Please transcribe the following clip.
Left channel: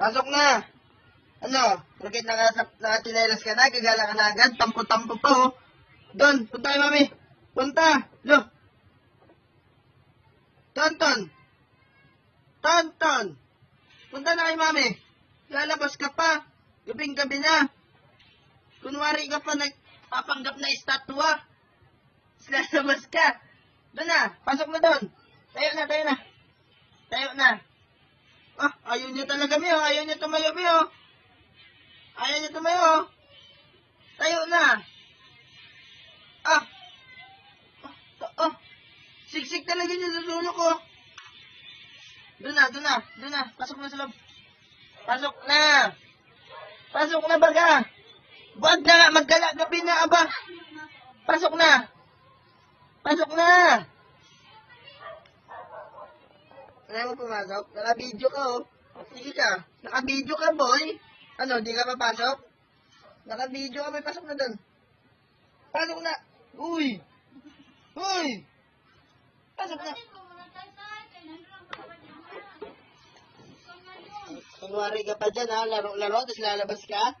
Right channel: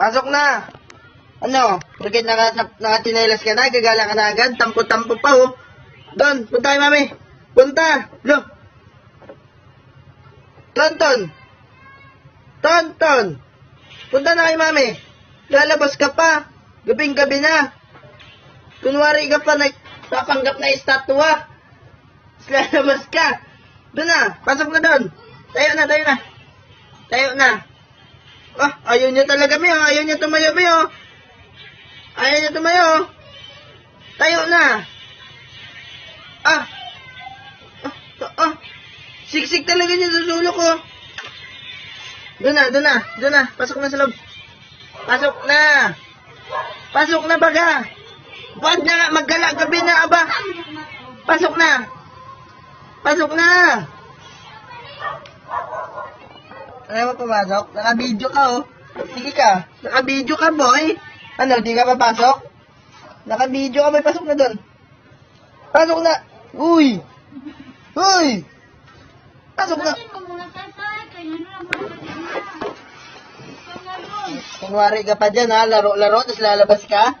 Pasok na. Ano? Bakit nakatinelas ka na? Gagala ka na agad? Tampo-tampo pa, oh. Don, punta kay mami. Punta. Look. Tonton. Tonton. Punta na kay mami. Lalabas ka pa. Gabing-gabi na. Kunwari ka pa papanggap na estatwa. Lalabas ka. Doon na. Pasok na doon. Tayo na, tayo na. Tayo na. Oh, ayaw niya talaga, May. Oh. Ayaw niya tumayo, May. Oh. Ayaw niya tumayo. Tayo na. Ah. Ah. Siksik talaga niya sa sulok ko. Doon na, doon na. Doon na. Pasok na sa loob. Pasok na. Pasok na baga. Huwag na, maggala gabi na, aba. Pasok na. Pasok na. Ano mo pumasok? Naka-video ka, oh. Sige ka. Naka-video ka, boy. Ano, di ka papasok? Naka-video ka, boy. Pasok na doon. Pasok na. Uy. Uy. Pasok na. Kunwari ka pa dyan, ha? Laro-laro, tapos lalabas ka.